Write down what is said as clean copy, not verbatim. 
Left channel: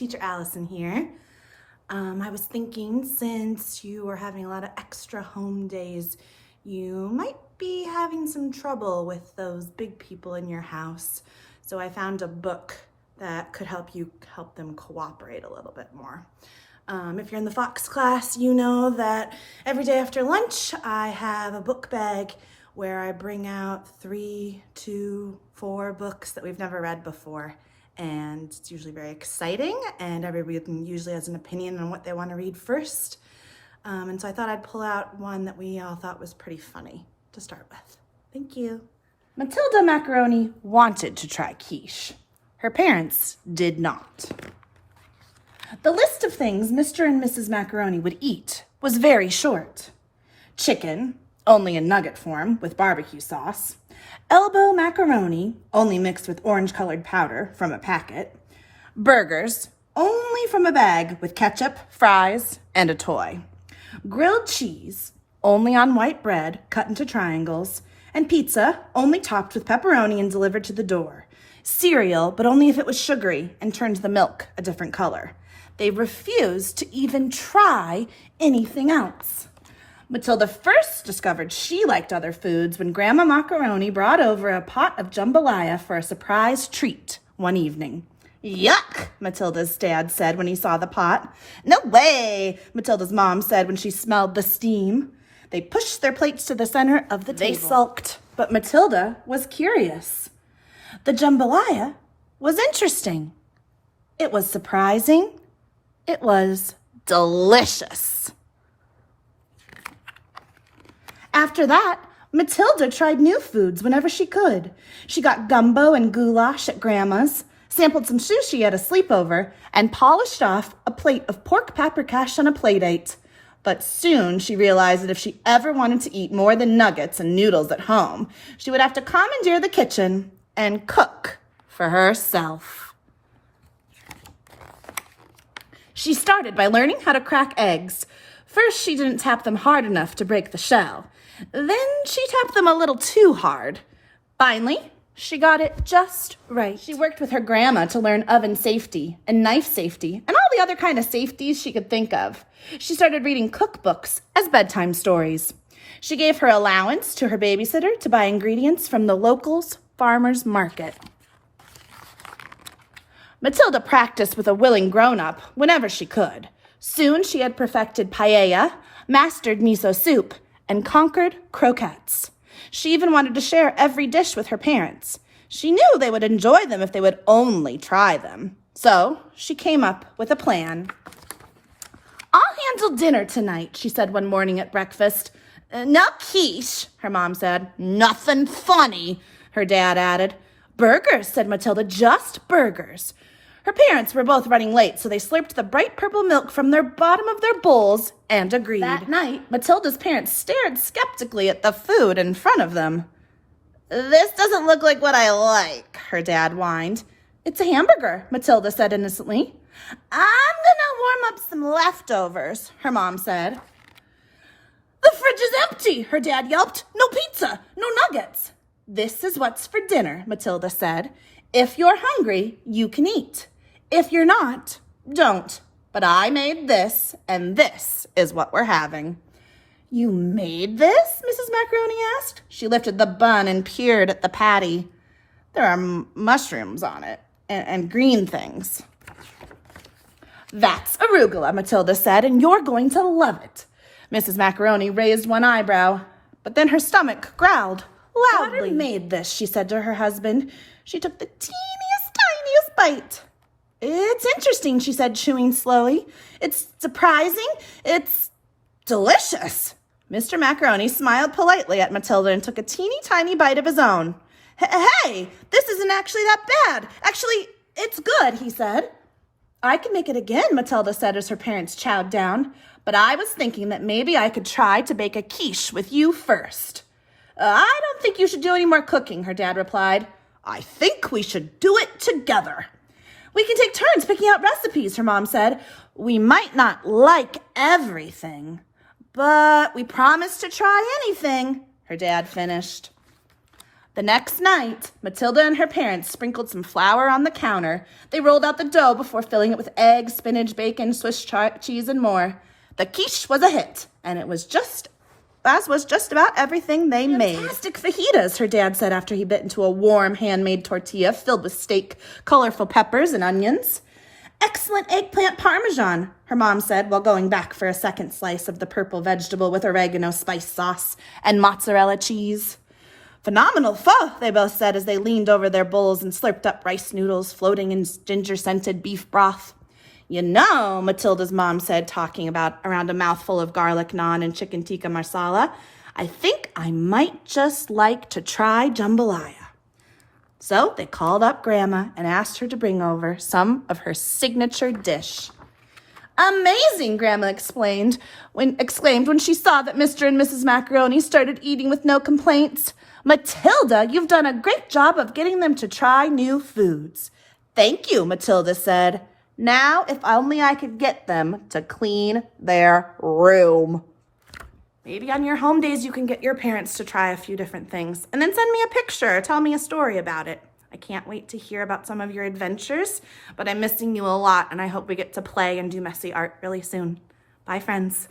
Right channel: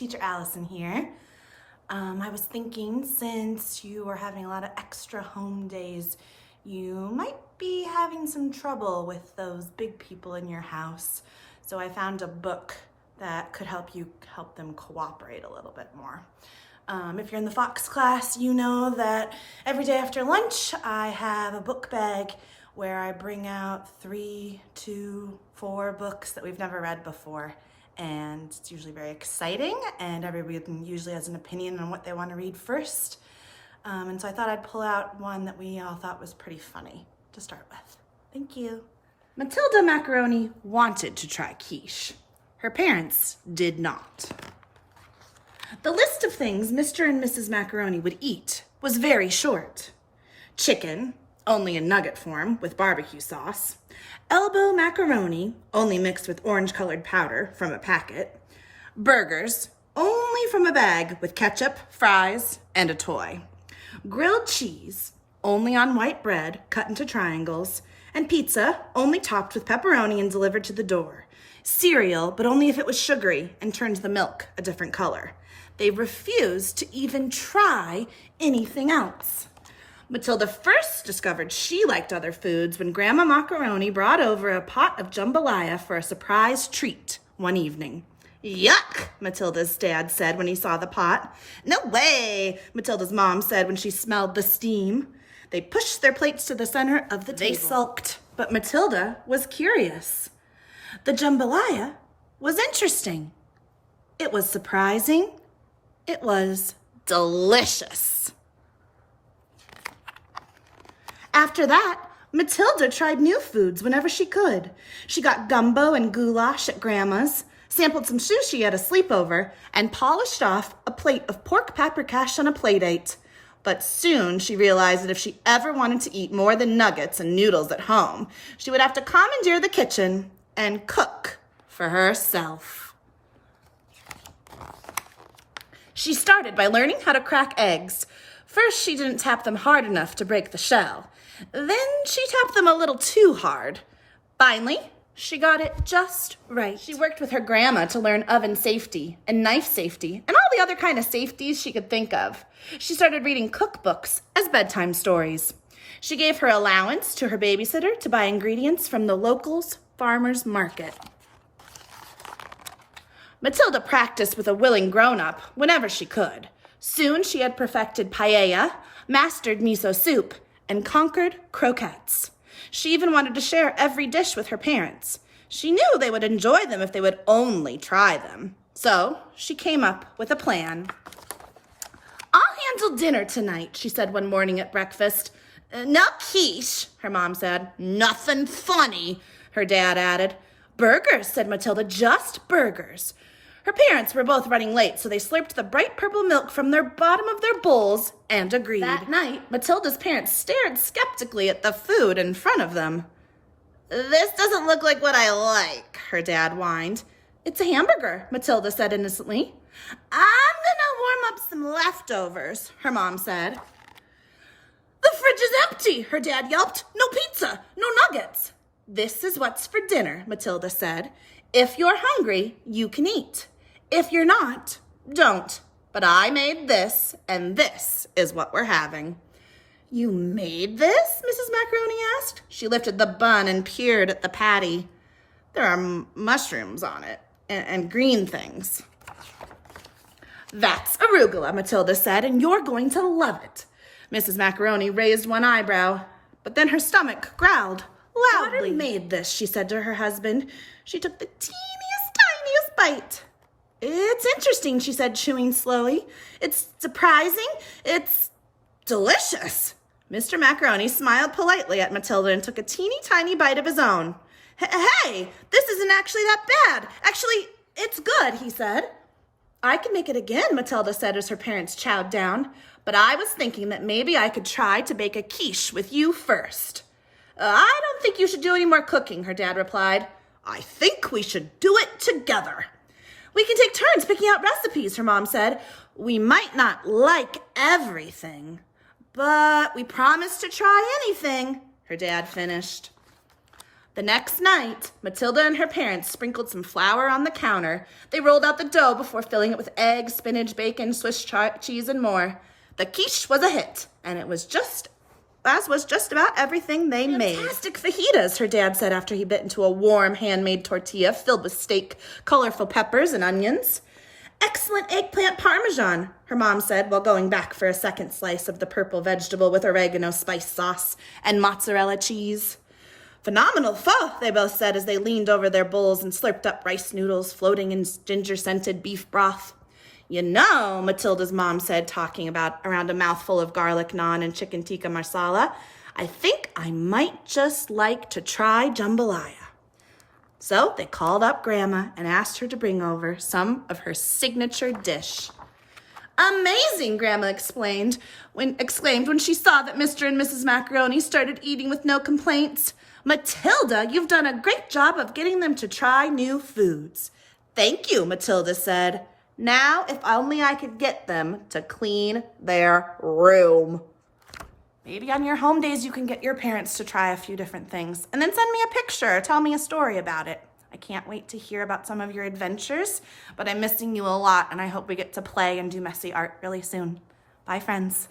Teacher Allison here. I was thinking, since you are having a lot of extra home days, you might be having some trouble with those big people in your house. So I found a book that could help them cooperate a little bit more. If you're in the Fox class, you know that every day after lunch, I have a book bag where I bring out 3, 2, 4 books that we've never read before. And it's usually very exciting, and everybody usually has an opinion on what they want to read first. And so I thought I'd pull out one that we all thought was pretty funny to start with. Thank you. Matilda Macaroni wanted to try quiche. Her parents did not. The list of things Mr. and Mrs. Macaroni would eat was very short. Chicken, only in nugget form with barbecue sauce. Elbow macaroni, only mixed with orange-colored powder from a packet. Burgers, only from a bag with ketchup, fries, and a toy. Grilled cheese, only on white bread cut into triangles. And pizza, only topped with pepperoni and delivered to the door. Cereal, but only if it was sugary and turns the milk a different color. They refused to even try anything else. Matilda first discovered she liked other foods when Grandma Macaroni brought over a pot of jambalaya for a surprise treat one evening. Yuck, Matilda's dad said when he saw the pot. No way, Matilda's mom said when she smelled the steam. They pushed their plates to the center of the table. They sulked, but Matilda was curious. The jambalaya was interesting. It was surprising. It was delicious. After that, Matilda tried new foods whenever she could. She got gumbo and goulash at Grandma's, sampled some sushi at a sleepover, and polished off a plate of pork paprikash on a playdate. But soon she realized that if she ever wanted to eat more than nuggets and noodles at home, she would have to commandeer the kitchen and cook for herself. She started by learning how to crack eggs. First, she didn't tap them hard enough to break the shell. Then she tapped them a little too hard. Finally, she got it just right. She worked with her grandma to learn oven safety and knife safety and all the other kind of safeties she could think of. She started reading cookbooks as bedtime stories. She gave her allowance to her babysitter to buy ingredients from the local's farmer's market. Matilda practiced with a willing grown-up whenever she could. Soon she had perfected paella, mastered miso soup, and conquered croquettes. She even wanted to share every dish with her parents. She knew they would enjoy them if they would only try them. So she came up with a plan. I'll handle dinner tonight, she said one morning at breakfast. No quiche, her mom said. Nothing funny, her dad added. Burgers, said Matilda, just burgers. Her parents were both running late, so they slurped the bright purple milk from the bottom of their bowls and agreed. That night, Matilda's parents stared skeptically at the food in front of them. This doesn't look like what I like, her dad whined. It's a hamburger, Matilda said innocently. I'm gonna warm up some leftovers, her mom said. The fridge is empty, her dad yelped. No pizza, no nuggets. This is what's for dinner, Matilda said. If you're hungry, you can eat. If you're not, don't. But I made this, and this is what we're having. You made this? Mrs. Macaroni asked. She lifted the bun and peered at the patty. There are mushrooms on it, and green things. That's arugula, Matilda said, and you're going to love it. Mrs. Macaroni raised one eyebrow, but then her stomach growled loudly. Daughter made this, she said to her husband. She took the tiniest bite. It's interesting, she said, chewing slowly. It's surprising. It's delicious. Mr. Macaroni smiled politely at Matilda and took a teeny tiny bite of his own. Hey, this isn't actually that bad. Actually, it's good, he said. I can make it again, Matilda said as her parents chowed down. But I was thinking that maybe I could try to bake a quiche with you first. I don't think you should do any more cooking, her dad replied. I think we should do it together. We can take turns picking out recipes, her mom said. We might not like everything, but we promise to try anything, her dad finished. The next night, Matilda and her parents sprinkled some flour on the counter, They rolled out the dough before filling it with eggs, spinach, bacon, Swiss cheese, and more. The quiche was a hit, and it was just about everything they made. Fantastic fajitas, her dad said after he bit into a warm handmade tortilla filled with steak, colorful peppers, and onions. Excellent eggplant parmesan, her mom said while going back for a second slice of the purple vegetable with oregano spice sauce and mozzarella cheese. Phenomenal pho, they both said as they leaned over their bowls and slurped up rice noodles floating in ginger-scented beef broth. You know, Matilda's mom said, talking about around a mouthful of garlic naan and chicken tikka masala, I think I might just like to try jambalaya. So they called up Grandma and asked her to bring over some of her signature dish. Amazing, Grandma exclaimed when she saw that Mr. and Mrs. Macaroni started eating with no complaints. Matilda, you've done a great job of getting them to try new foods. Thank you, Matilda said. Now, if only I could get them to clean their room. Maybe on your home days you can get your parents to try a few different things and then send me a picture or tell me a story about it. I can't wait to hear about some of your adventures, but I'm missing you a lot and I hope we get to play and do messy art really soon. Bye, friends.